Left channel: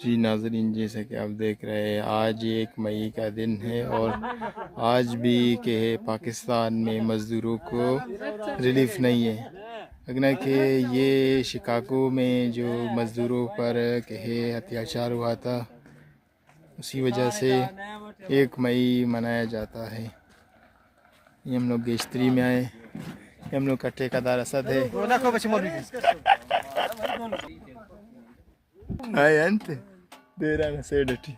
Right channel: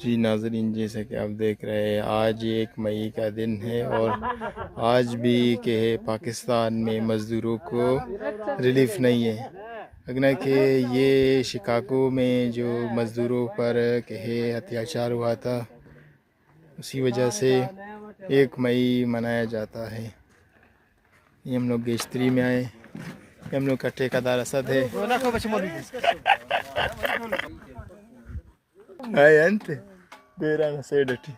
जी नाज़रीन, जैसे कि आप देख रहे हैं आज 1 मई का दिन है और आज भी के पाकिस्तान में मज़दूरों को रिलीफ नहीं है। अगना कि ये शिकागो में जो मज़दूरों पर कहे अत्याचार हुआ था, उसी वजह से 1 मई मनाया जाता है। ये हम लोग गेश्तरी में आए, ये हम लोग का ठेकेदार असद है। हाय अंत दे रहा है सेडटी